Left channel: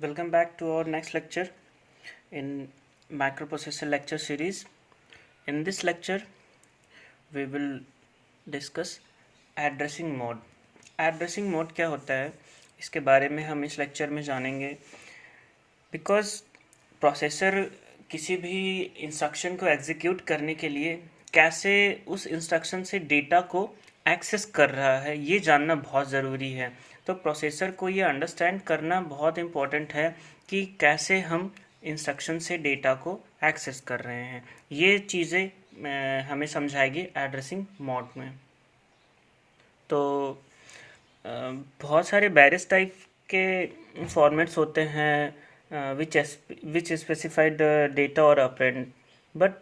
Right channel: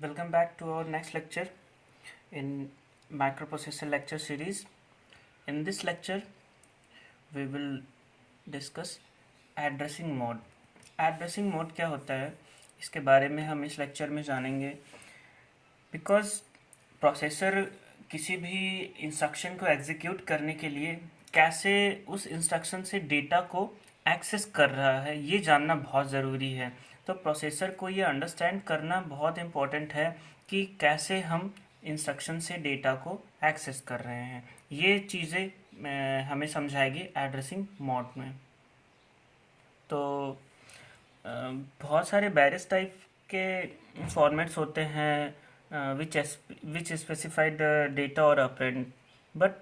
Welcome back to our next lecture in microprocessor lecture series. In this lecture, we will discuss addressing mode. Addressing mode क्या होता है, इसके बारे में हम इस लेक्चर में जानेंगे. बिकॉज प्रोसेसर किसी भी इंस्ट्रक्शन को एग्जीक्यूट करने के लिए कैसे उस इंस्ट्रक्शन से डेटा को एक्सेस कर रहा है, ये जानना बहुत ज़रूरी है. तो प्रोसेसर को ये अंडरस्टैंड करना बहुत इम्पोर्टेंट है कि कैसे हम इंस्ट्रक्शन से डेटा को एक्सेस कर रहे हैं. ये चीज़ें हमें समझाएगी एड्रेसिंग मोड में. तो बहुत सारे बैरिस टाइप के फॉर्मेट्स होते हैं विच स्पेसिफाइड डेटा और operand, but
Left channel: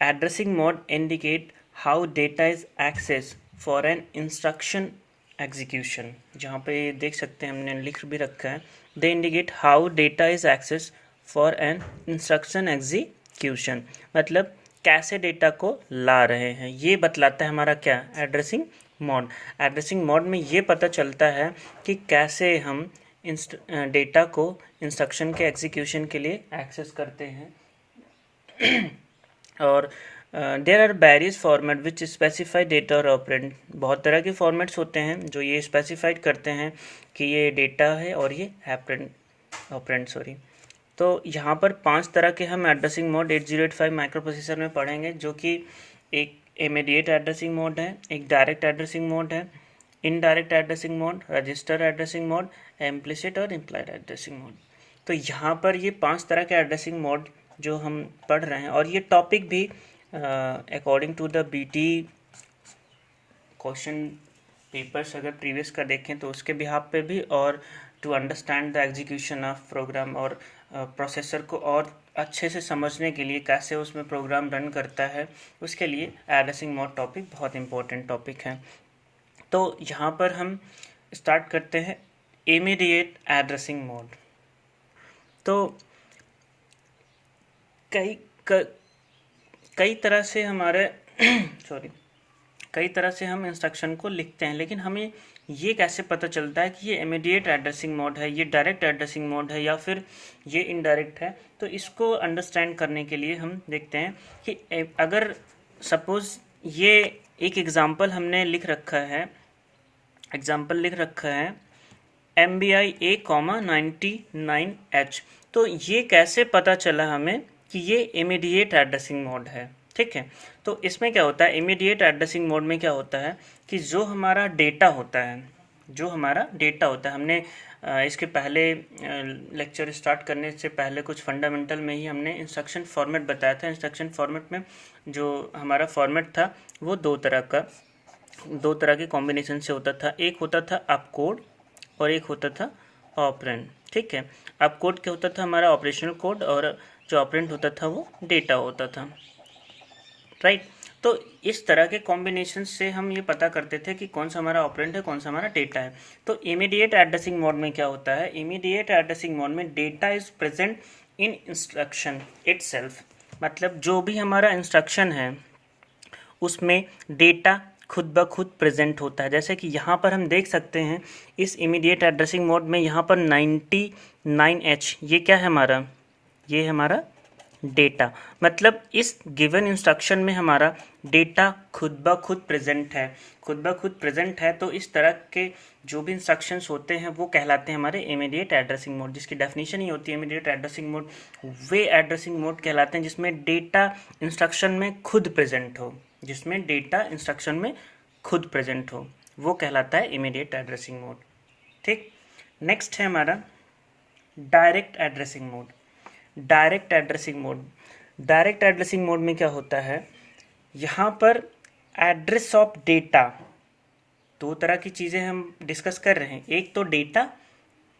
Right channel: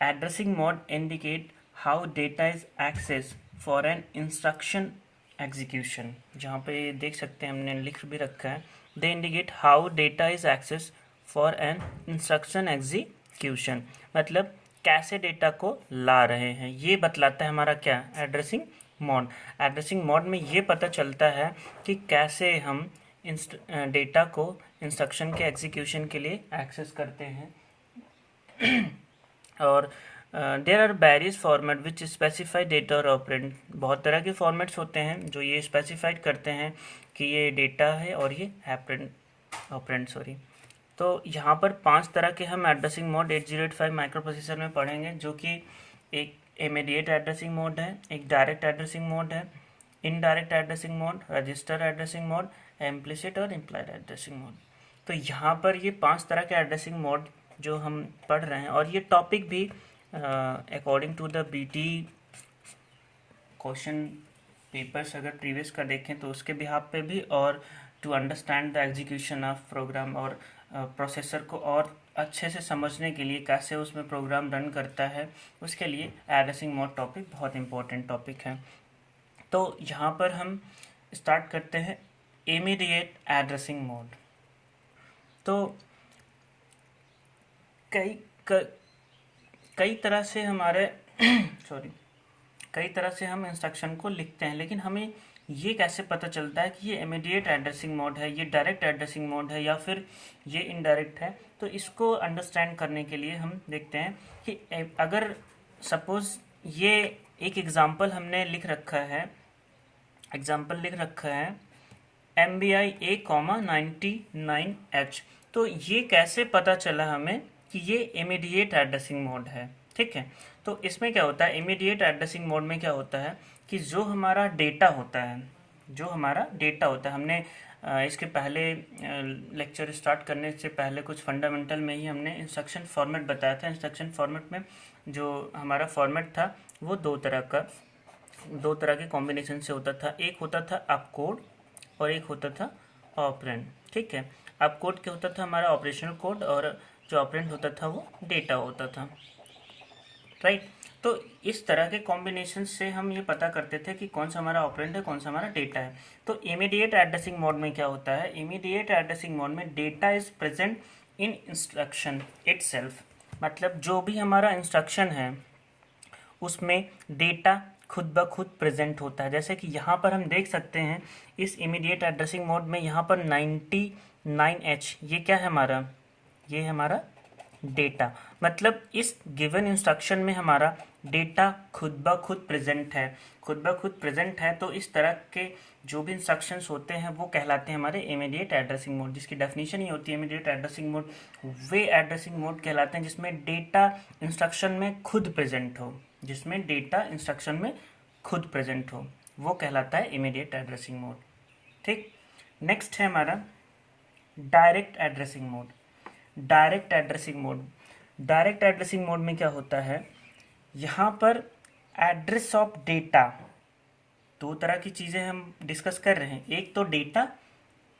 addressing mode indicate how data is access for an instruction execution. जहाँ पे देख सकते हैं हमने लिख भी रखा है, they indicate how data is access for an instruction execution. मतलब कैसे डेटा को ला रहे हैं, ये बतलाता है हमारा क्या, एड्रेसिंग मोड. एड्रेसिंग मोड में ये पता चलता है कि कैसे हम डेटा को इंस्ट्रक्शन के एग्जीक्यूशन के लिए एक्सेस करते हैं. और there are various format which specify data और ऑपरेंड. बहुत तरह के फॉर्मेट्स होते हैं जो ये स्पेसिफाइड करते हैं कि ये डेटा है और ये ऑपरेंड सॉरी. तो यहाँ पर 5 तरह के हम एड्रेसिंग मोड 8085 माइक्रो प्रोसेसर में पढ़ेंगे, जो कि एक इमीडिएट एड्रेसिंग मोड है, एक डायरेक्ट एड्रेसिंग मोड है, indirect addressing mode, register addressing mode, implicit और इम्प्लाइड एड्रेसिंग मोड. तो यहाँ पर ये 5 तरह के एड्रेसिंग मोड जो हम पढ़ रहे हैं, और ये टॉपिक भी according to the BT question papers अगर प्रीवियस का देखें तो उसके बिहाफ पे भी, और to understand the execution of program, और प्रोसेसर को और अच्छे से समझने के लिए कैसे उसमें प्रोग्राम रन करता है, उसके लिए एड्रेसिंग मोड टॉपिक बहुत इंपॉर्टेंट टॉपिक है. तो यहाँ पर हम स्टार्ट करते हैं इमीडिएट एड्रेसिंग मोड. तो कई तरह से हमारे कई तरह से हम इंस्ट्रक्शन को लिखते हैं, लेकिन हमें ये कैसे पता चलता है कि ये इमीडिएट एड्रेसिंग मोड है, ये डायरेक्ट एड्रेसिंग मोड है, या फिर ये इनडायरेक्ट है. तो इसको अंडरस्टैंड करने के लिए हम देखते हैं कि अगर सपोज ये एक एग्जांपल हमने लिख रखा है MBI A,99H. तो ये कैसे पता चला हमें कि ये इमीडिएट एड्रेसिंग मोड है. ठीक है, तो इसमें क्या होता है, इमीडिएट एड्रेसिंग मोड में क्या होता है कि जो हमारा डेटा होता है, हमने इसके पहले लेक्चर स्टार्ट करने से पहले कुछ फंडामेंटल में ही हमने इंस्ट्रक्शन फॉर्मेट बताया था. इंस्ट्रक्शन फॉर्मेट में जो हमारा फॉर्मेट था वो दो तरह के कॉम्बिनेशन से होता था. एक होता था अपकोड और एक होता था ऑपरेंड. ठीक है, अपकोड क्या होता था, हमारा ऑपरेशनल कोड, और जो ऑपरेंड होता था वो डेटा होता था. राइट. तो इस तरह के कॉम्बिनेशन से हम ये पता करते थे कि कौन सा हमारा ऑपरेंड है, कौन सा हमारा डेटा है. तो इमीडिएट एड्रेसिंग मोड में क्या होता है, इमीडिएट एड्रेसिंग मोड में data is present in instruction itself. मतलब जो भी हमारा इंस्ट्रक्शन है उसमें डेटा खुद ब खुद प्रेजेंट होता है. जैसे कि यहाँ पर हम देख सकते हैं इस इमीडिएट एड्रेसिंग मोड में यहाँ पर 99H, ये क्या है हमारा, ये है हमारा डेटा. मतलब इस गिवन इंस्ट्रक्शन में हमारा डेटा खुद ब खुद प्रेजेंट है. तो इस तरह के जो भी इंस्ट्रक्शंस होते हैं वो कहलाते हैं हमारे इमीडिएट एड्रेसिंग मोड, जिसकी डेफिनेशन ही होती है इमीडिएट एड्रेसिंग मोड. वे एड्रेसिंग मोड कहलाते हैं जिसमें डेटा इंस्ट्रक्शन में खुद प्रेजेंट हो, वो कहलाता है इमीडिएट एड्रेसिंग मोड. ठीक. नेक्स्ट है हमारा डायरेक्ट एड्रेसिंग मोड में क्या होता है, यहाँ पर एड्रेस ऑफ डेटा, दो तरह की चीज़ें हम डिस्कस कर रहे हैं. एक तो डेटा,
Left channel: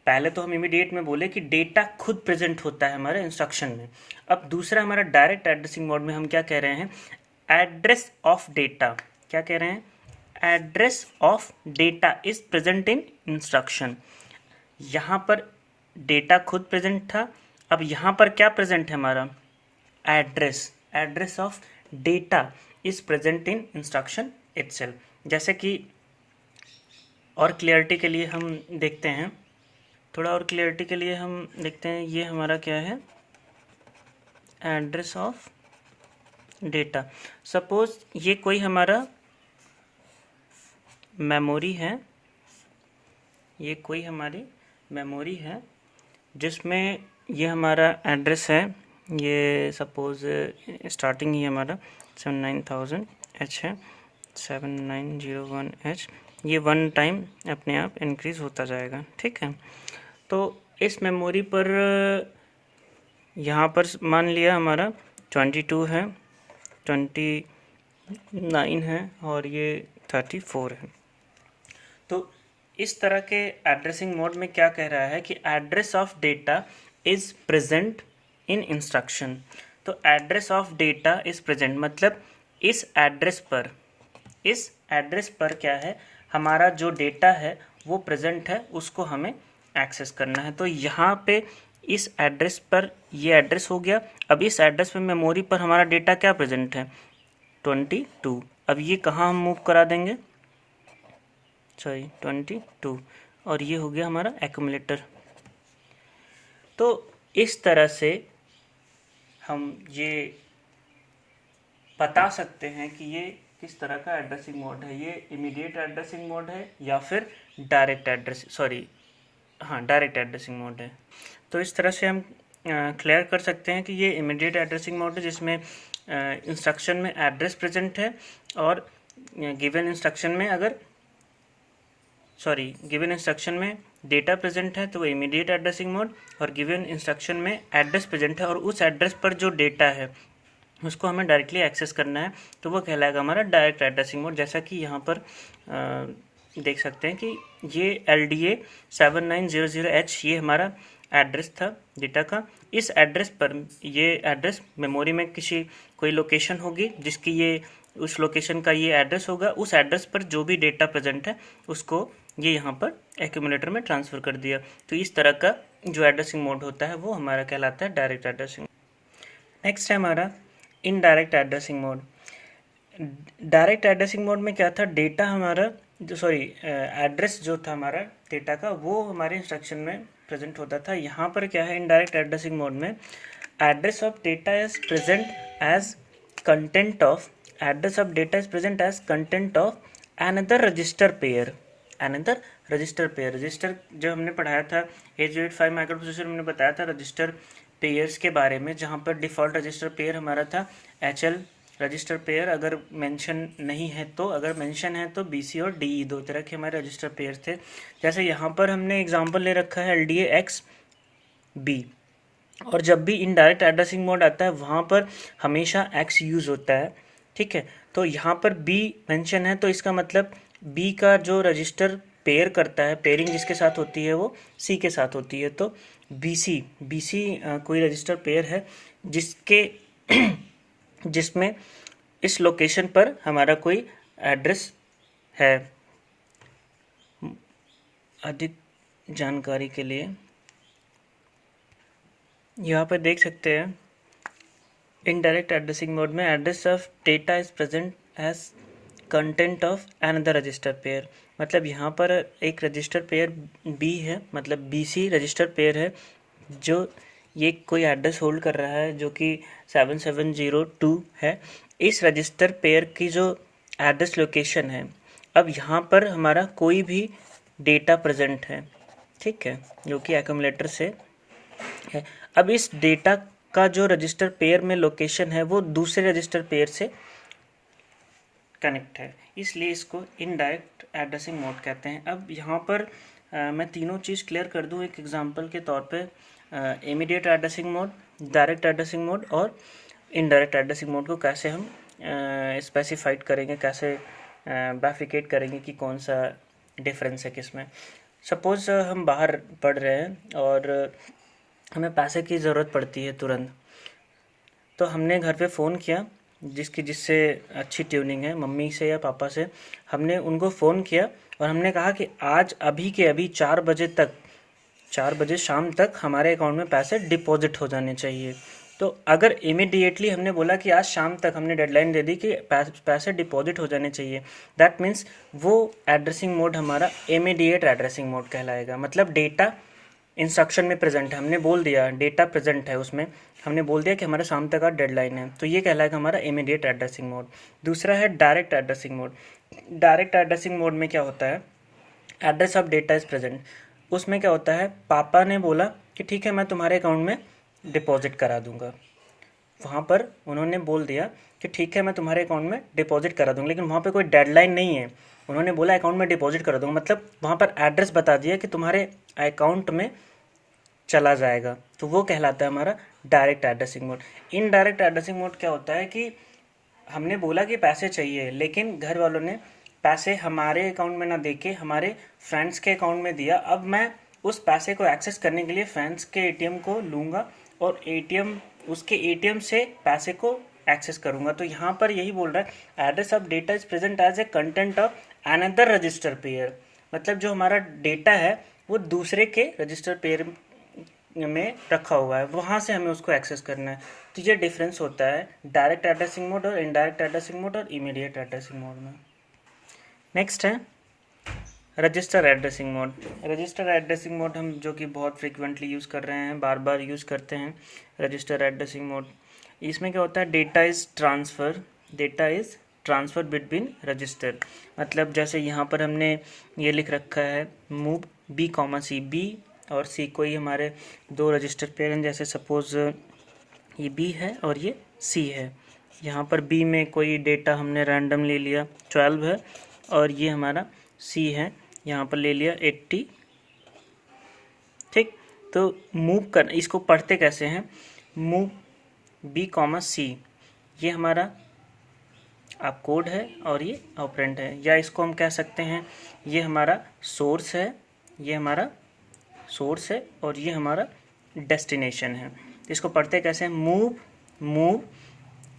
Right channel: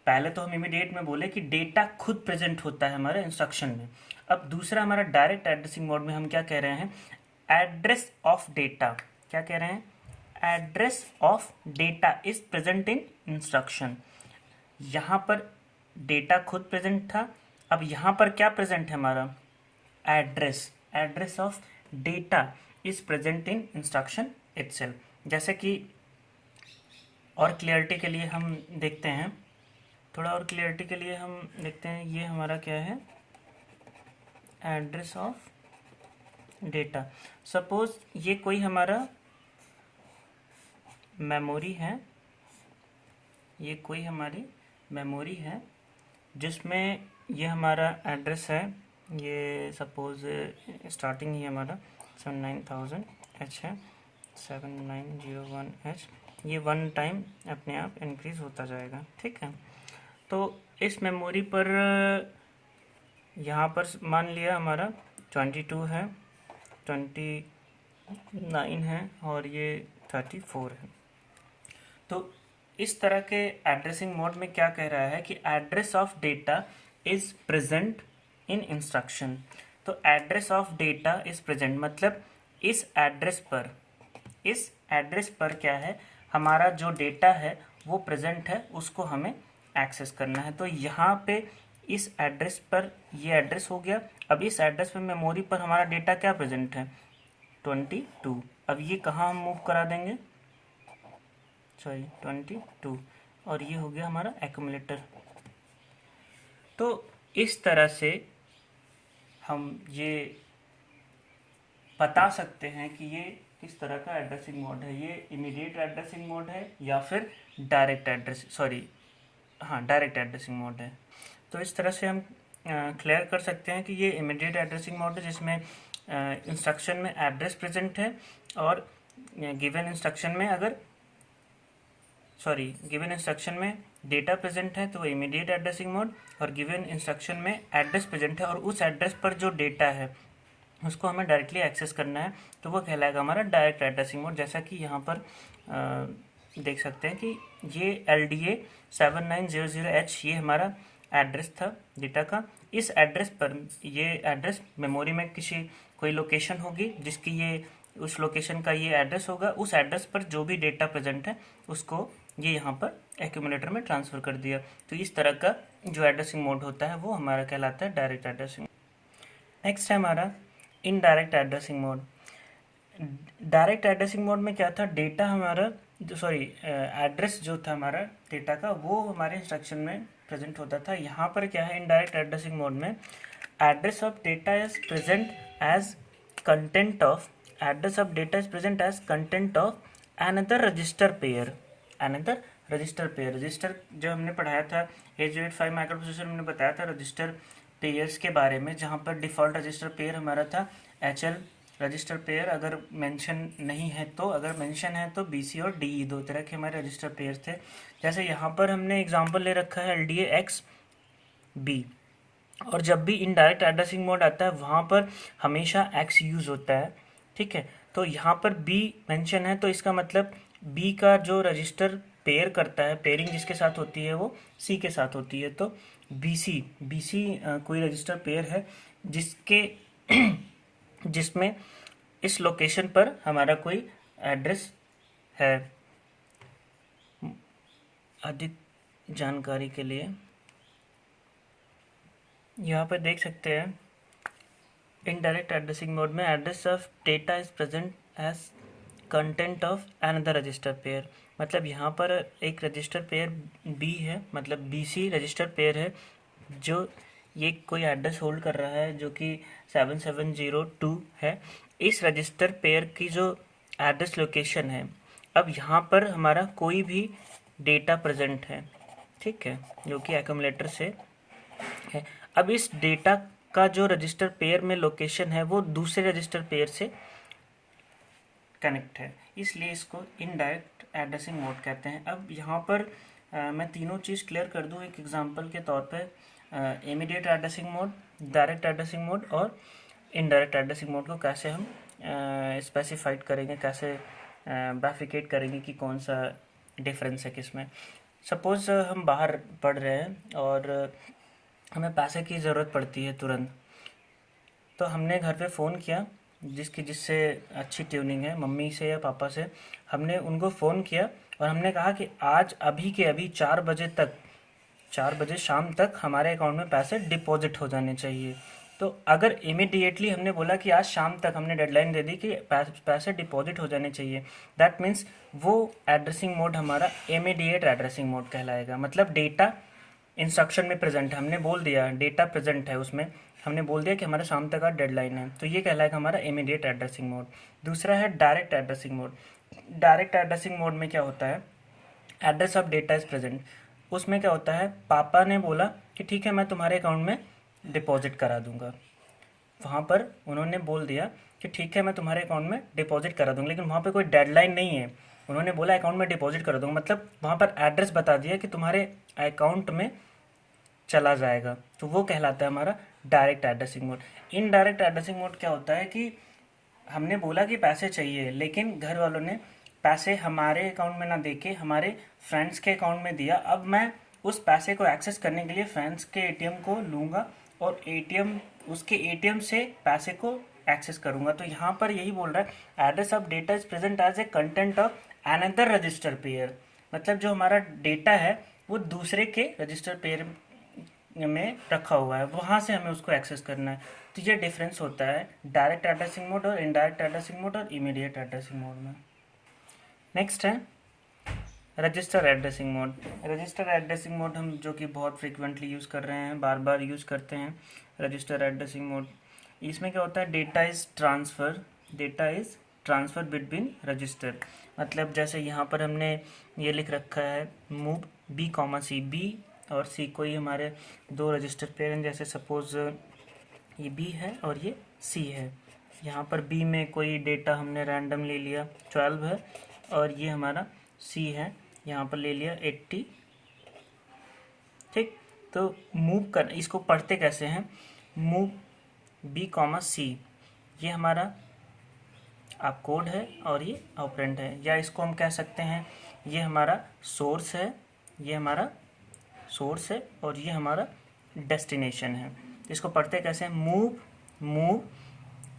पहले तो हम इमीडिएट में बोले कि डेटा खुद प्रेजेंट होता है हमारे इंस्ट्रक्शन में. अब दूसरा हमारा डायरेक्ट एड्रेसिंग मोड में हम क्या कह रहे हैं, एड्रेस ऑफ डेटा. क्या कह रहे हैं, address of data is present in instruction. यहाँ पर डेटा खुद प्रेजेंट था, अब यहाँ पर क्या प्रेजेंट है हमारा, address of data is present in instruction itself. जैसे कि और क्लियरिटी के लिए हम देखते हैं थोड़ा और क्लियरिटी के लिए हम देखते हैं, ये हमारा क्या है, एड्रेस ऑफ डेटा। सपोज ये कोई हमारा मेमोरी है, ये कोई हमारी मेमोरी है जिसमें ये हमारा एड्रेस है, ये सपोज स्टार्टिंग ही हमारा 79000H है, 7901H, ये वन टाइम अपने आप इंक्रीज़ होता जाएगा, ठीक है। तो इस मेमोरी पर यहाँ पर मान लिया हमारा 22 है, 29 है और ये 34 है। तो इस तरह के एड्रेसिंग मोड में क्या कह रहा है कि address of data is present in instruction. तो address of data is present मतलब इस एड्रेस पर क्या है, हमारा जो डेटा है वो प्रेजेंट है, उसको हमें एक्सेस करना है। तो यहाँ पे इस एड्रेस पर ये एड्रेस हो गया। अब इस एड्रेस पे मेमोरी पर हमारा डेटा क्या प्रेजेंट है, 22। अब ये कहाँ हम मूव करा देंगे, सॉरी 22, और ये हो गया हमारा एक्यूमुलेटर। तो इस तरह से हम ये बता सकते हैं कि ये किस तरह का एड्रेसिंग मोड है, ये इमीडिएट एड्रेसिंग मोड है या फिर डायरेक्ट एड्रेसिंग मोड है। तो इस तरह से हम क्लियर कर सकते हैं कि ये इमीडिएट एड्रेसिंग मोड है जिसमें इंस्ट्रक्शन में एड्रेस प्रेजेंट है, और गिवन इंस्ट्रक्शन में डेटा प्रेजेंट है तो वो इमीडिएट एड्रेसिंग मोड, और गिवन इंस्ट्रक्शन में एड्रेस प्रेजेंट है और उस एड्रेस पर जो डेटा है उसको हमें डायरेक्टली एक्सेस करना है, तो वो कहलाएगा हमारा डायरेक्ट एड्रेसिंग मोड। जैसा कि यहाँ पर देख सकते हैं कि ये LDA 7900H ये हमारा एड्रेस था डेटा का। इस एड्रेस पर ये एड्रेस मेमोरी में कोई लोकेशन होगी जिसकी ये उस लोकेशन का ये एड्रेस होगा, उस एड्रेस पर जो भी डेटा प्रेजेंट है उसको ये यहाँ पर एक्यूमुलेटर में ट्रांसफ़र कर दिया। तो इस तरह का जो एड्रेसिंग मोड होता है वो हमारा कहलाता है डायरेक्ट एड्रेसिंग। नेक्स्ट है हमारा indirect addressing mode. Direct addressing mode में क्या था, डेटा हमारा एड्रेस जो था हमारा डेटा का वो हमारे इंस्ट्रक्शन में प्रेजेंट होता था। यहाँ पर क्या है, इनडायरेक्ट एड्रेसिंग मोड में address of data is present as content of another register pair. Register जो हमने पढ़ाया था 8085 माइक्रोप्रोसेसर में, हमने बताया था रजिस्टर पेयर्स के बारे में, जहाँ पर डिफ़ॉल्ट रजिस्टर पेयर हमारा था HL रजिस्टर पेयर अगर मेंशन नहीं है तो, अगर मेंशन है तो BC और DE दो तरह के हमारे रजिस्टर पेयर थे। जैसे यहाँ पर हमने एग्जांपल ले रखा है LDA XB, और जब भी इनडायरेक्ट एड्रेसिंग मोड आता है वहाँ पर हमेशा X यूज़ होता है, ठीक है। तो यहाँ पर B मेंशन है तो इसका मतलब B का जो रजिस्टर पेयर करता है, पेयरिंग जिसके साथ होती है वो C के साथ होती है। तो BC कोई रजिस्टर पेयर है जिसमें इस लोकेशन पर हमारा कोई एड्रेस है। अधिक जानकारी के लिए यहाँ पर देख सकते हैं, इनडायरेक्ट एड्रेसिंग मोड में address of data is present as content of another register pair. मतलब यहाँ पर एक रजिस्टर पेयर B है, मतलब BC रजिस्टर पेयर है जो ये कोई एड्रेस होल्ड कर रहा है जो कि 7702 है। इस रजिस्टर पेयर की जो एड्रेस लोकेशन है, अब यहाँ पर हमारा कोई भी डेटा प्रेजेंट है, ठीक है, जो कि एक्यूमुलेटर से है। अब इस डेटा का जो रजिस्टर पेयर में लोकेशन है वो दूसरे रजिस्टर पेयर से कनेक्ट है, इसलिए इसको इनडायरेक्ट एड्रेसिंग मोड कहते हैं। अब यहाँ पर मैं तीनों चीज़ क्लियर कर दूँ एक एग्जांपल के तौर पे, immediate addressing mode, direct addressing mode और इनडायरेक्ट एड्रेसिंग मोड को कैसे हम स्पेसिफाइड करेंगे, कैसे बाइफिकेट करेंगे कि कौन सा डिफरेंस है किसमें। सपोज़ हम बाहर पढ़ रहे हैं और हमें पैसे की ज़रूरत पड़ती है तुरंत, तो हमने घर पे फ़ोन किया जिससे अच्छी ट्यूनिंग है, मम्मी से या पापा से, हमने उनको फ़ोन किया और हमने कहा कि आज अभी के अभी 4 बजे शाम तक हमारे अकाउंट में पैसे डिपॉजिट हो जाने चाहिए। तो अगर इमीडिएटली हमने बोला कि आज शाम तक, हमने डेडलाइन दे दी कि पैसे डिपॉजिट हो जाने चाहिए, दैट मीन्स वो एड्रेसिंग मोड हमारा इमीडिएट एड्रेसिंग मोड कहलाएगा। मतलब डेटा इंस्ट्रक्शन में प्रेजेंट है, हमने बोल दिया डेटा प्रेजेंट है, उसमें हमने बोल दिया कि हमारा शाम तक का डेडलाइन है, तो ये कहलाएगा हमारा इमीडिएट एड्रेसिंग मोड। दूसरा है direct addressing mode. Direct addressing mode में क्या होता है, address of data is present. उसमें क्या होता है, पापा ने बोला कि ठीक है मैं तुम्हारे अकाउंट में डिपॉजिट करा दूंगा, वहाँ पर उन्होंने बोल दिया कि ठीक है मैं तुम्हारे अकाउंट में डिपॉजिट करा दूंगा, लेकिन वहाँ पे कोई डेडलाइन नहीं है, उन्होंने बोला अकाउंट में डिपॉजिट करा दूंगा, मतलब वहाँ पर एड्रेस बता दिया कि तुम्हारे अकाउंट में चला जाएगा, तो वो कहलाता है हमारा direct addressing mode. Indirect addressing mode क्या होता है कि हमने बोला कि पैसे चाहिए, लेकिन घर वालों ने पैसे हमारे अकाउंट में ना देके हमारे फ्रेंड्स के अकाउंट में दिया। अब मैं उस पैसे को एक्सेस करने के लिए फ्रेंड्स के एटीएम को लूँगा और एटीएम उसके एटीएम से पैसे को एक्सेस करूँगा। तो यहाँ पर यही बोल रहा है address of data is present as a content of another register pair, मतलब जो हमारा डेटा है वो दूसरे के रजिस्टर पेयर में रखा हुआ है, वहाँ से हमें उसको एक्सेस करना है। तो ये डिफरेंस होता है डायरेक्ट एड्रेसिंग मोड और इनडायरेक्ट एड्रेसिंग मोड और इमीडिएट एड्रेसिंग मोड में। नेक्स्ट है register addressing mode. Register addressing mode हम जो कि बहुत फ्रिक्वेंटली यूज़ कर रहे हैं, बार बार यूज़ करते हैं रजिस्टर एड्रेसिंग मोड। इसमें क्या होता है, data is transfer between register, मतलब जैसे यहाँ पर हमने ये लिख रखा है मूव बी कॉमा सी, बी और सी कोई हमारे दो रजिस्टर पेयर हैं, जैसे सपोज़ ये बी है और ये सी है। यहाँ पर बी में कोई डेटा हमने रैंडम ले लिया 12 है, और ये हमारा सी है, यहाँ पर ले लिया 80। ठीक, तो मूव कर, इसको पढ़ते कैसे हैं, मूव बी कॉमा सी, ये हमारा आप कोड है और ये ऑपरेंड है, या इसको हम कह सकते हैं ये हमारा सोर्स है, ये हमारा सोर्स है और ये हमारा डेस्टिनेशन है। इसको पढ़ते कैसे हैं, move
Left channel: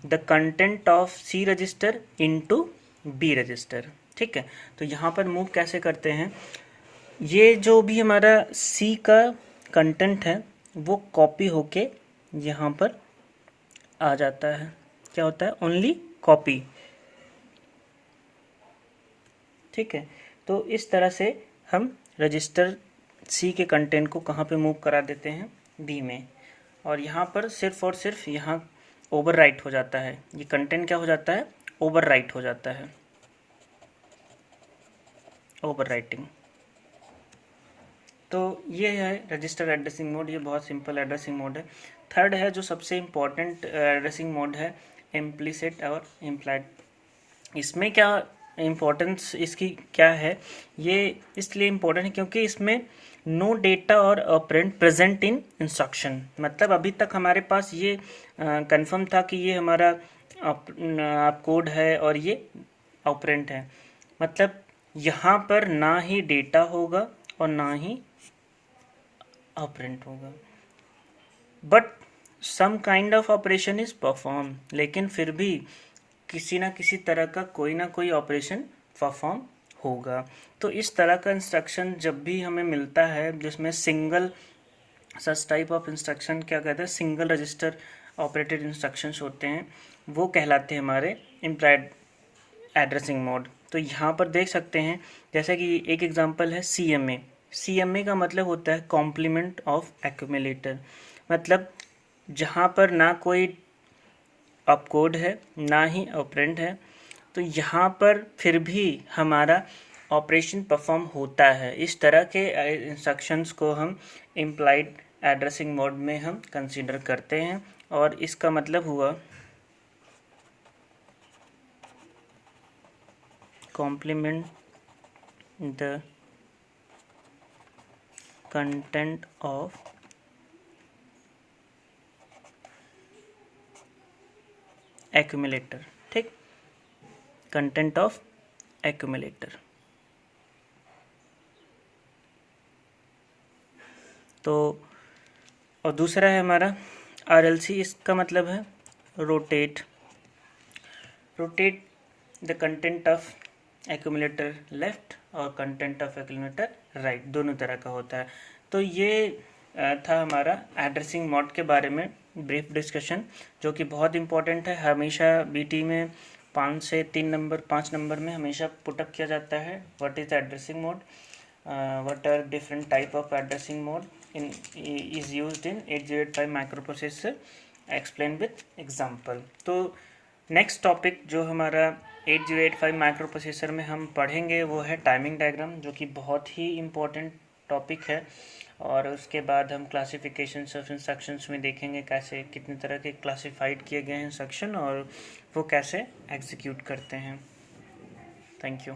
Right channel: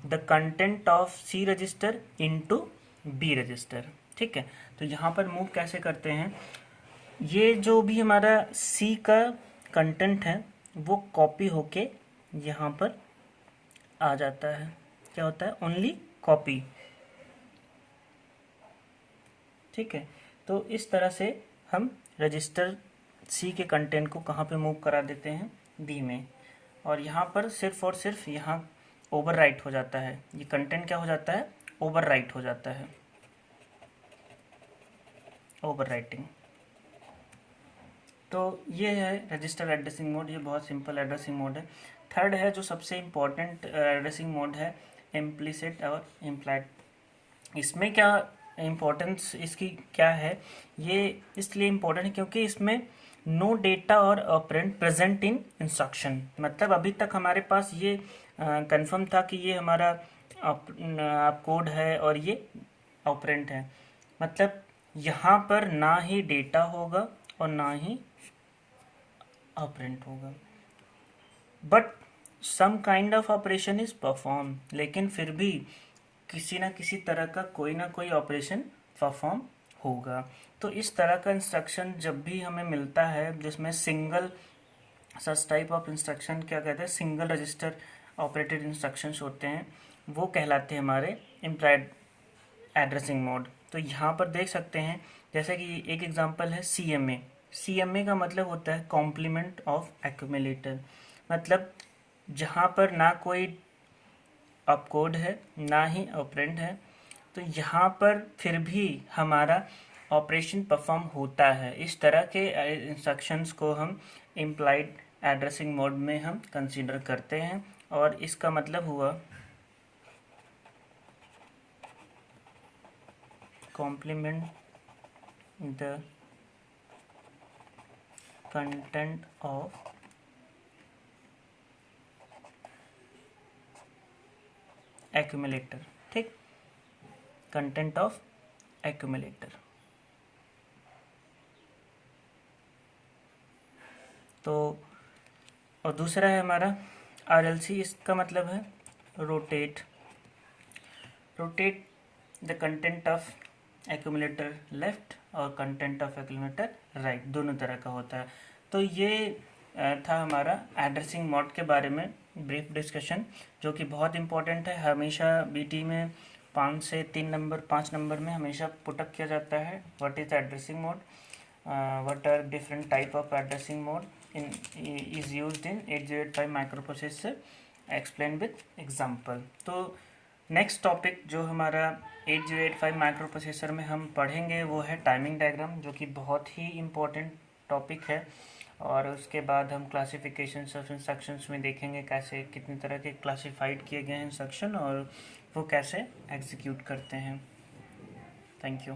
the content of C register into B register. ठीक है, तो यहाँ पर मूव कैसे करते हैं, ये जो भी हमारा सी का कंटेंट है वो कॉपी होके यहाँ पर आ जाता है, क्या होता है, ओनली कॉपी। ठीक है, तो इस तरह से हम रजिस्टर सी के कंटेंट को कहाँ पे मूव करा देते हैं, बी में, और यहाँ पर सिर्फ और सिर्फ यहाँ ओवरराइट हो जाता है, ये कंटेंट क्या हो जाता है, ओवरराइट हो जाता है, ओवरराइटिंग। तो ये है रजिस्टर एड्रेसिंग मोड, ये बहुत सिंपल एड्रेसिंग मोड है। थर्ड है जो सबसे इम्पोर्टेंट एड्रेसिंग मोड है, इम्प्लिसिट और इम्प्लाइड। इसमें क्या इम्पोर्टेंस इसकी क्या है, ये इसलिए इम्पोर्टेंट है क्योंकि इसमें नो डेटा और ऑपरेंड प्रेजेंट इन इंस्ट्रक्शन, मतलब अभी तक हमारे पास ये कंफर्म था कि ये हमारा आप कोड है और ये ऑपरेंड है, मतलब यहाँ पर ना ही डेटा होगा और ना ही ऑपरेंड होगा, but some kind of operation is perform, लेकिन फिर भी किसी ना किसी तरह का कोई ना कोई ऑपरेशन परफॉर्म होगा। तो इस तरह का इंस्ट्रक्शन जब भी हमें मिलता है जिसमें single such type of instruction क्या कहते हैं, सिंगल रजिस्टर ऑपरेटेड इंस्ट्रक्शंस होते हैं, वो कहलाते हैं हमारे इम्प्लाइड एड्रेसिंग मोड। तो यहाँ पर देख सकते हैं जैसे कि एक एग्जांपल है CMA। CMA का मतलब होता है कॉम्प्लीमेंट ऑफ एक्यूमुलेटर, मतलब जहाँ पर ना कोई ऑपकोड है ना ही ऑपरेंड है, तो यहाँ पर फिर भी हमारा ऑपरेशन परफॉर्म होता है। इस तरह के इंस्ट्रक्शंस को हम इम्प्लाइड एड्रेसिंग मोड में हम कंसीडर करते हैं, और इसका मतलब हुआ complement the content of accumulator। ठीक, कंटेंट ऑफ एक्यूमुलेटर। तो और दूसरा है हमारा RLC, इसका मतलब है rotate the content of accumulator left और कंटेंट ऑफ एक्यूमुलेटर राइट, दोनों तरह का होता है। तो ये था हमारा एड्रेसिंग मोड के बारे में ब्रीफ डिस्कशन, जो कि बहुत इंपॉर्टेंट है। हमेशा BT में 5 से 3 नंबर 5 नंबर में हमेशा पुटअप किया जाता है, what is addressing mode, what are different type of addressing mode, is used in 8085 microprocessor explained with example। तो नेक्स्ट टॉपिक जो हमारा 8085 माइक्रोप्रोसेसर में हम पढ़ेंगे वो है टाइमिंग डायग्राम, जो कि बहुत ही इम्पोर्टेंट टॉपिक है। और उसके बाद हम क्लासिफिकेशन ऑफ इंस्ट्रक्शंस में देखेंगे कैसे कितने तरह के क्लासिफाइड किए गए हैं इंस्ट्रक्शन और वो कैसे एग्जीक्यूट करते हैं। Thank you.